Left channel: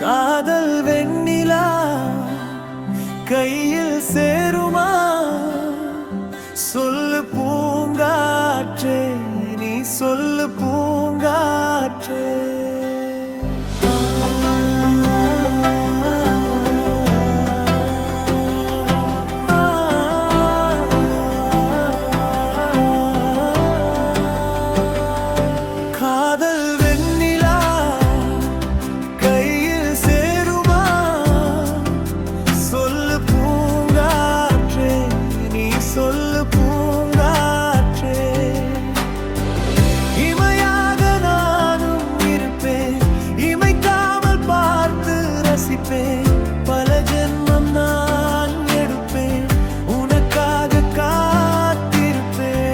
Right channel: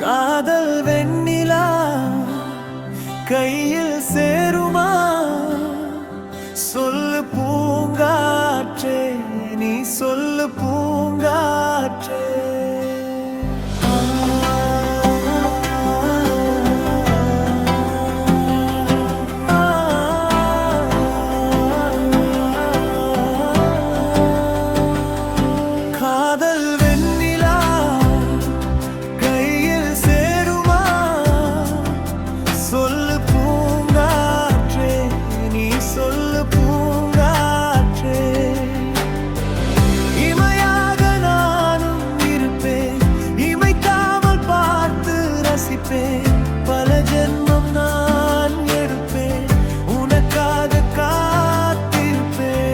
காதல் வெண்ணிலா கையில் சேருமா? சொல்லு பூங்காற்றே, நீ சொல்லு பூங்காற்றே. காதல் வெண்ணிலா கையில் சேருமா? சொல்லு பூங்காற்றே, நீ சொல்லு பூங்காற்றே. இமையாக நானும் இருப்பேன், இமைக்காமல் பார்த்து ரசிப்பேன். பல ஜென்மம் நான் எடுப்பேன், உனக்காக காத்திருப்பேன்.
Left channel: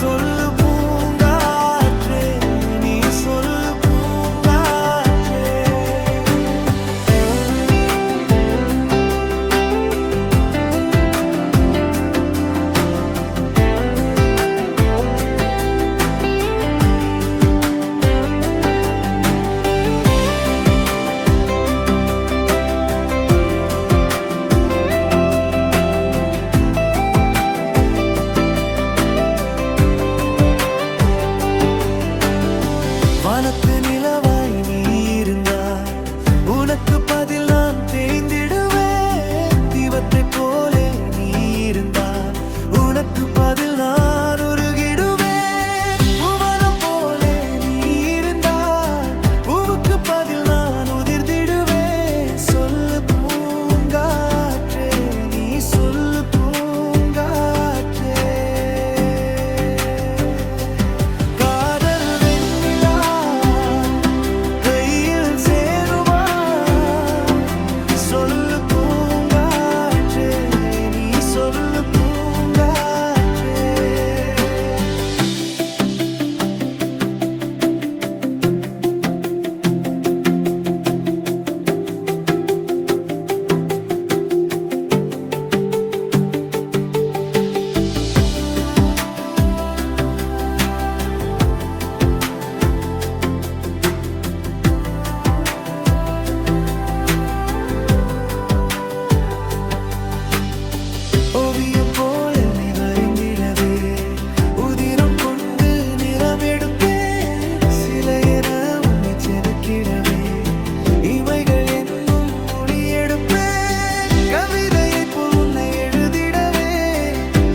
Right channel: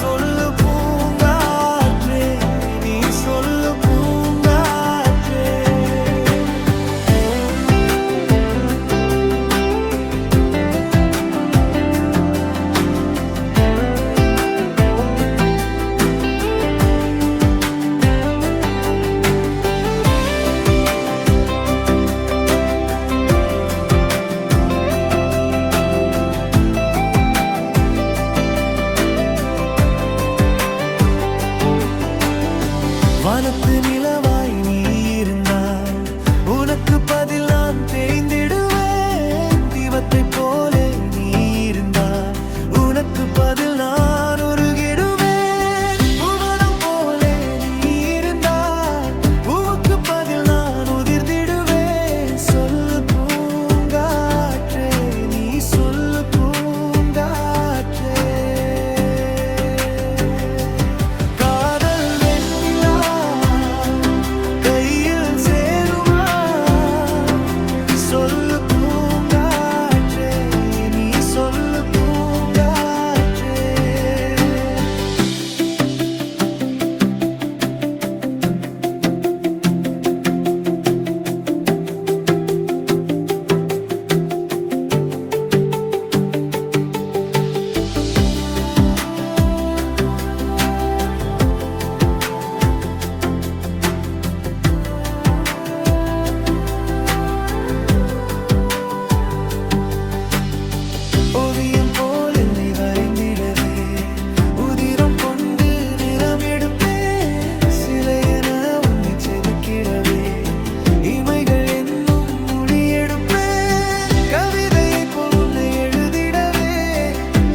சொல்லு பூங்காற்றே, நீ சொல்லு பூங்காற்றே. வானத்து நிலவாய் நீ இருந்தால் உனக்கு பதில் நான் தேய்ந்திடுவேன். தீபத்தை போலே நீ இருந்தால் உனக்கு பதில் நான் உருகிடுவேன். புவனம் போலே நீ இருந்தால் பூவுக்கு பதில் நான் உதிர்ந்திடுவேன். சொல்லு பூங்காற்றே, நீ சொல்லு பூங்காற்றே. சொல்லு பூங்காற்றே, நீ சொல்லு பூங்காற்றே. ஓவியம் போல் என்னை வரைந்திடவே உதிரம் கொண்டு நிறம் எடுப்பேன். சிலை என உன்னை செதுக்கிடவே இமைகள் என்னும் மொழி எடுப்பேன். கவிதையை போல் உன்னை எழுதிடவே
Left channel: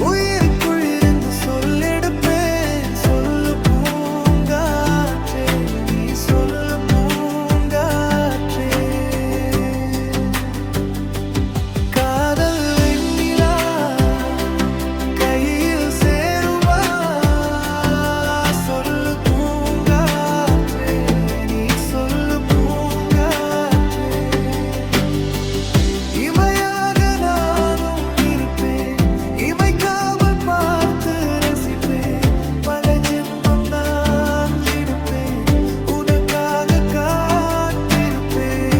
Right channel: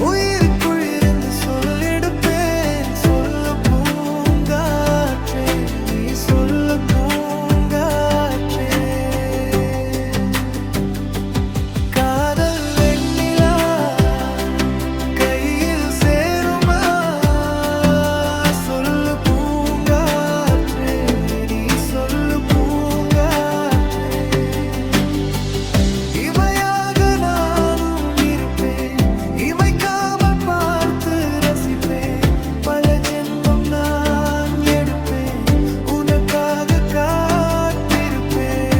உயிருக்குள் இருந்து சொல்லெடுப்பேன். சொல்லு பூங்காற்றே, நீ சொல்லு பூங்காற்றே. காதல் கையில் சேருமா? சொல்லு பூங்காற்றே, நீ சொல்லு பூங்காற்றே. இமையாக நானும் இருப்பேன், இமைக்காமல் பார்த்து ரசிப்பேன். பல ஜென்மம் நான் எடுப்பேன், உனக்காக காத்திருப்பேன்.